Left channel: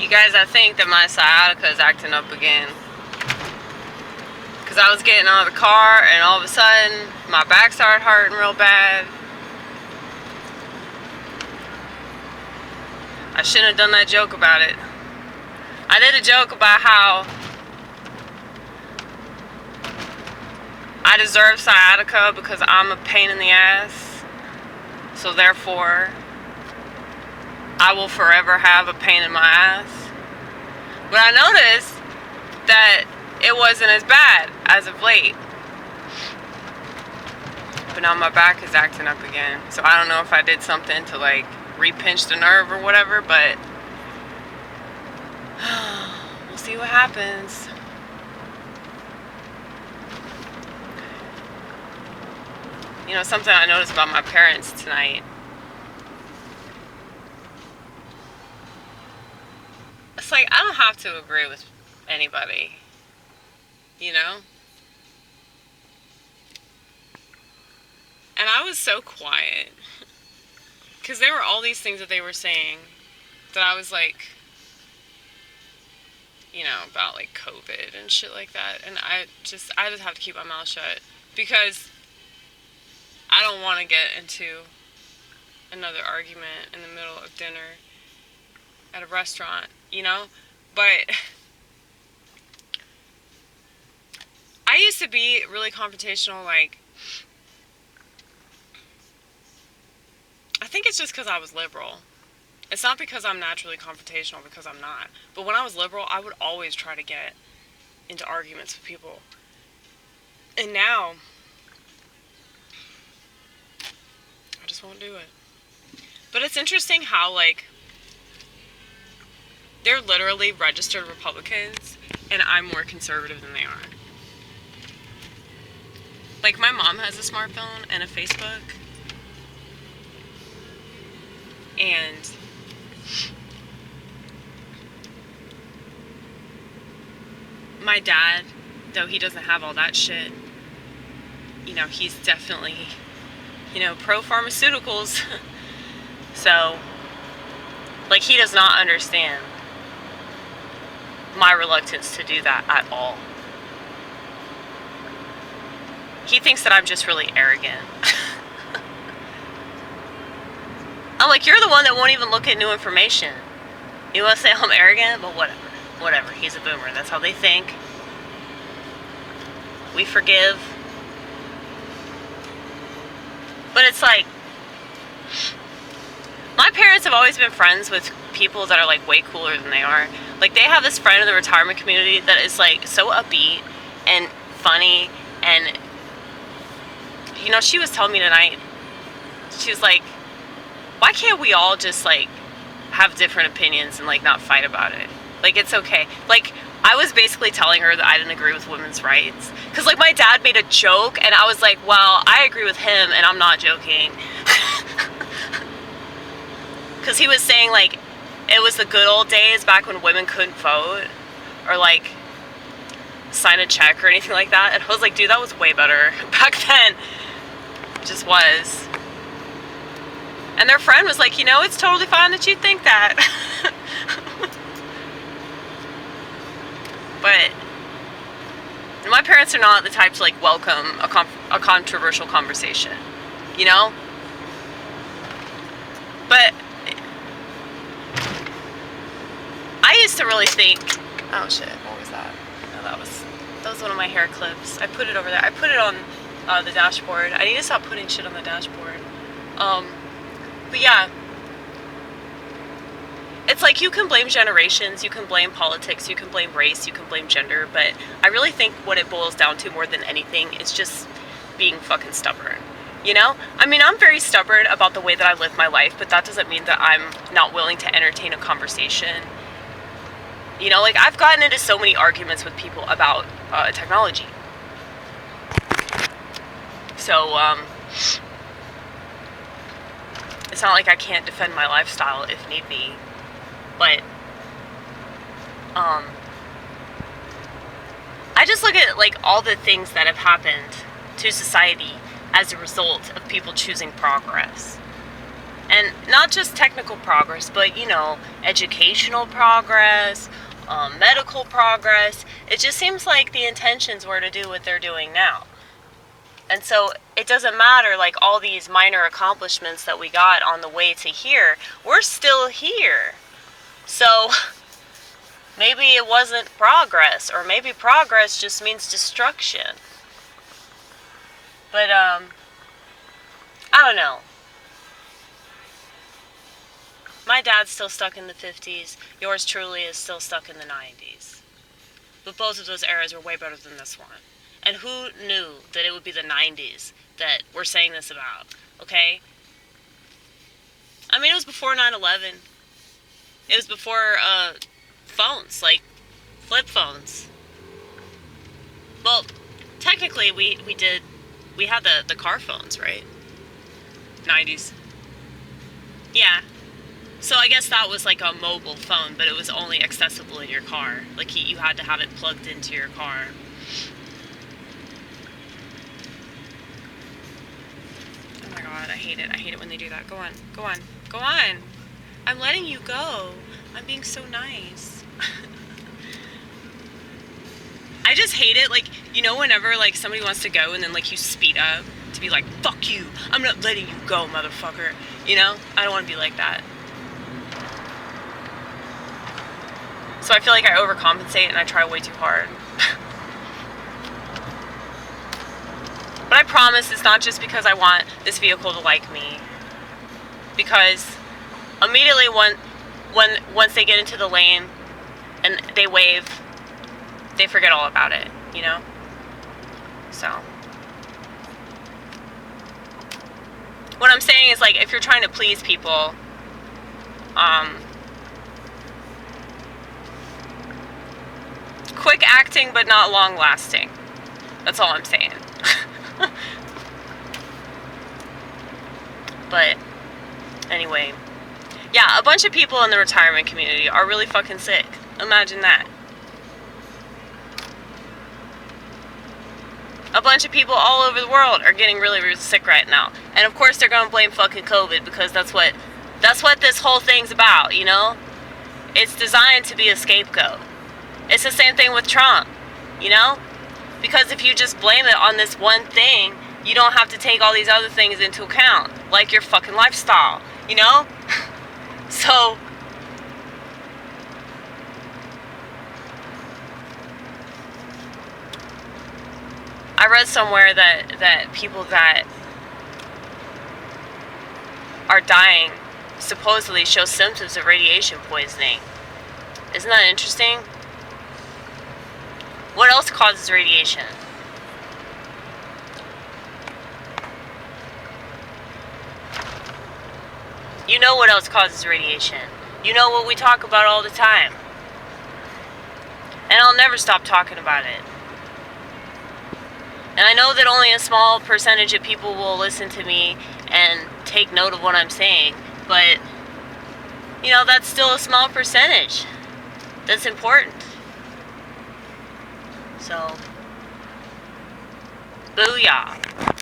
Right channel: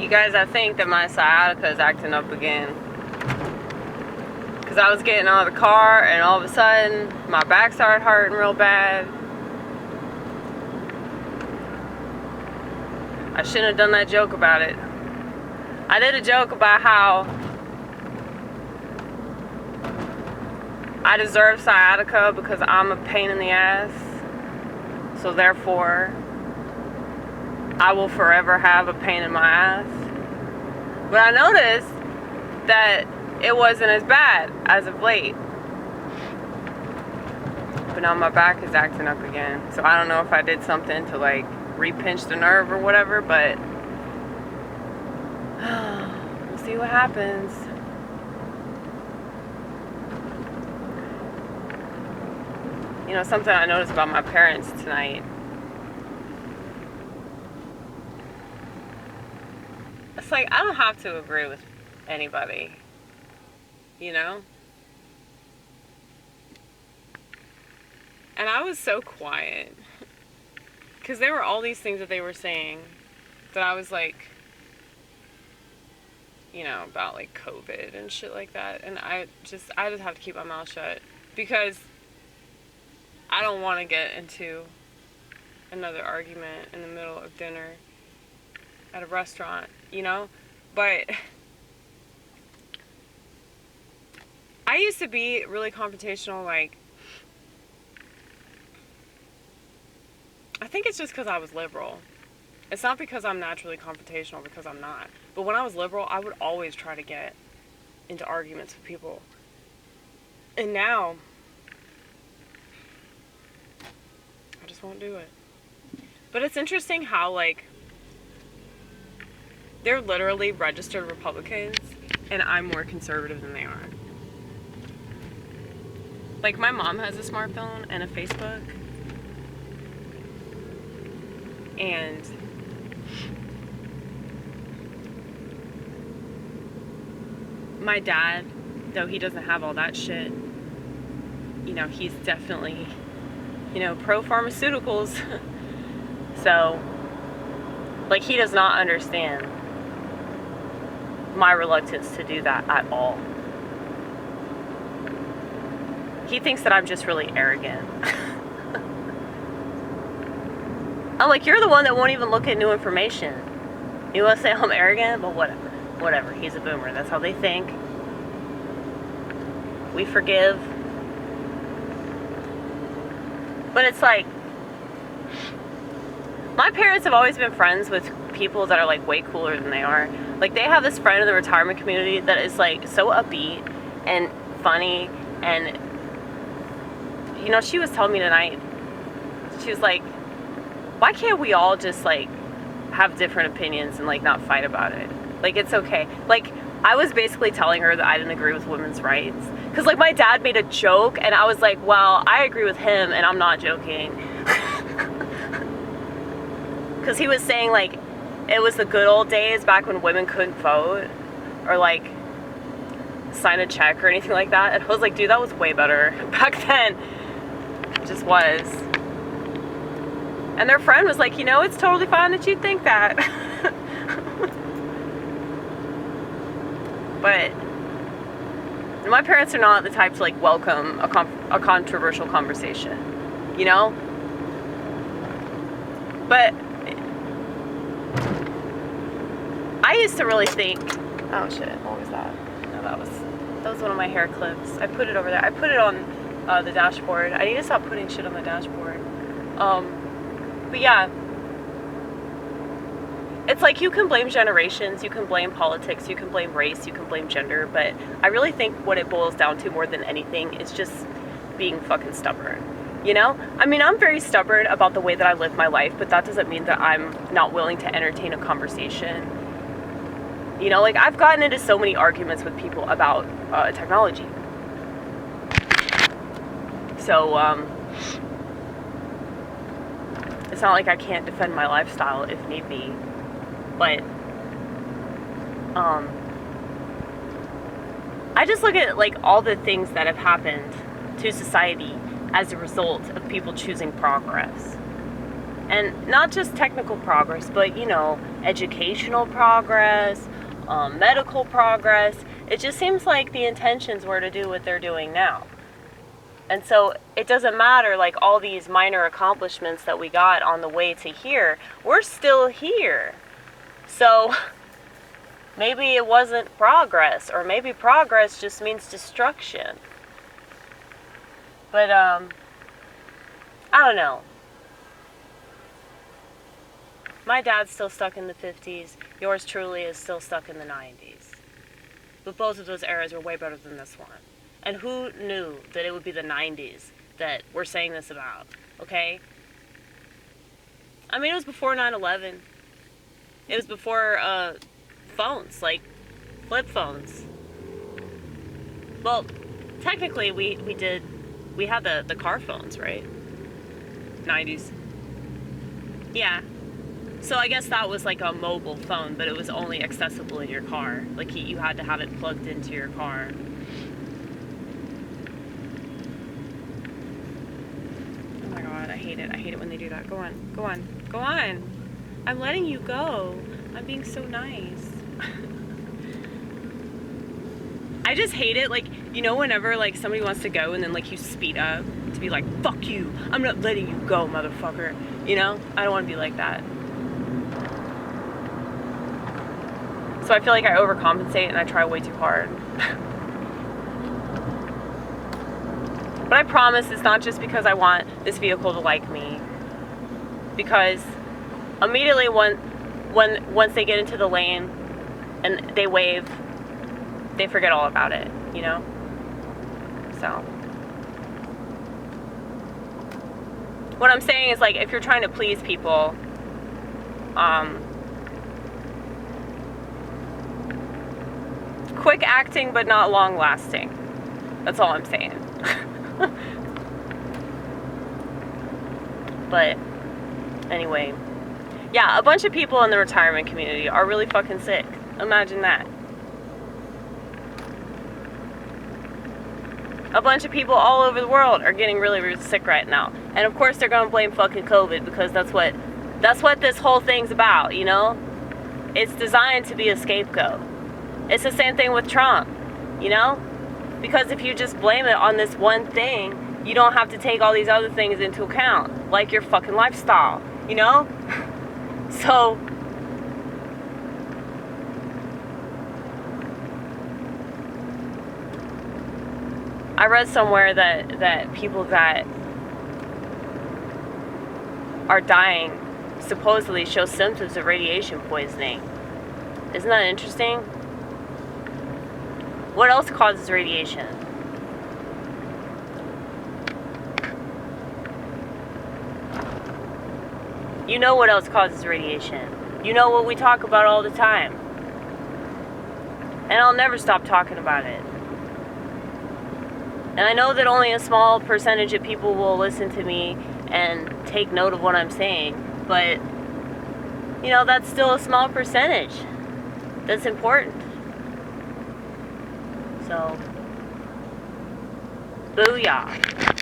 You guys, I think that my sciatica is acting up again. Because I was getting out of the car and all of a sudden my back started hurting real bad. I shouldn't have done that joke about it. I did a joke about how I deserve sciatica because I'm a pain in the ass. So therefore, I will forever have a pain in my ass. But I noticed that it wasn't as bad as of late. But now my back is acting up again. So I don't know if I did something to like re-pinch the nerve or whatever, but we'll see what happens. You know, something I noticed about my parents tonight. It's like, I don't have to agree with anybody, you know? And I was so quiet. Because there were all these things that they were saying that I was like, you know, about like COVID and shit like that. And I just have to keep my mouth shut. Because I don't want to get into another argument in the middle of dinner at a restaurant, you know? But I used to be really confrontational, like, I think it's just because I was liberal. It's not because I'm naturally confrontational, because I'm not. But when I was liberal, I would always try to get into arguments with people. And now, I just won't do it. But it's interesting how, like, they're literally registered Republicans, and I'm more conservative than they are. Like, my mom has a smartphone and a Facebook. And my dad, though he doesn't have all that shit, you know, he's definitely, you know, pro-pharmaceuticals. So, like, he does not understand my reluctance to do that at all. He thinks that I'm just really arrogant. I'm like, you're the one that won't even look at new information. You want to say I'm arrogant? But whatever. Whatever. He's a boomer. That's how they think. We forgive. But it's like, my parents have always been friends with people that are like way cooler than they are. Like, they have this friend in the retirement community that is like so upbeat and funny. And, you know, she was telling me tonight, she was like, why can't we all just like have different opinions and like not fight about it? Like, it's okay. Like, I was basically telling her that I didn't agree with women's rights. Because like my dad made a joke and I was like, well, I agree with him and I'm not joking. Because he was saying like it was the good old days back when women couldn't vote or like sign a check or anything like that. And I was like, dude, that was way better back then. It just was. And their friend was like, you know, it's totally fine that you think that. But my parents are not the type to like welcome a controversial conversation, you know? But I used to really think, oh shit, what was that? No, that was one of my hair clips. I put it over there. I put it on the dashboard. I need to stop putting shit on the dashboard. But yeah, it's like you can blame generations, you can blame politics, you can blame race, you can blame gender, but I really think what it boils down to more than anything is just being fucking stubborn, you know? I mean, I'm very stubborn about the way that I live my life, but that doesn't mean that I'm not willing to entertain a conversation. You know, like, I've gotten into so many arguments with people about technology. So, it's not like I can't defend my lifestyle if need be, but I just look at like all the things that have happened to society as a result of people choosing progress. And not just technical progress, but, you know, educational progress, medical progress. It just seems like the intentions were to do what they're doing now. And so it doesn't matter, like, all these minor accomplishments that we got on the way to here, we're still here. So maybe it wasn't progress, or maybe progress just means destruction. But, I don't know. My dad's still stuck in the 50s. Yours truly is still stuck in the 90s. But both of those eras were way better than this one. And who knew that it would be the 90s that we're saying this about, okay? I mean, it was before 9/11. It was before phones, like flip phones. Well, technically we had the car phones, right? 90s. Yeah. So I guess that was like a mobile phone, but it was only accessible in your car. Like you had to have it plugged into your car. Oh my god, I hate it. I hate it when they do that. Go on. Go on. Go on. I'm letting you go. I'm being so nice. I just hate it. Like, you know, whenever like somebody wants to go and then like you speed up to be like, fuck you. I'm not letting you go, motherfucker. You know? I don't want to be like that. So I feel like I overcompensate and I try way too hard. But I promise it's not just because I want this vehicle to like me. Because immediately once they get into the lane and they wave, they forget all about it, you know? So what I'm saying is, like, if you're trying to please people, quick acting but not long lasting. That's all I'm saying. But anyway, yeah, a bunch of people in the retirement community are really fucking sick. Imagine that. A bunch of people all over the world are getting really, really sick right now. And of course they're going to blame fucking COVID, because that's what this whole thing's about, you know? It's designed to be a scapegoat. It's the same thing with Trump, you know? Because if you just blame it on this one thing, you don't have to take all these other things into account, like your fucking lifestyle, you know? So I read somewhere that people that are dying supposedly show symptoms of radiation poisoning. Isn't that interesting? What else causes radiation? You know what else causes radiation. You know what we talk about all the time. And I'll never stop talking about it. And I know that only a small percentage of people will listen to me and take note of what I'm saying. But, you know, that's still a small percentage. That's important. So, booyah.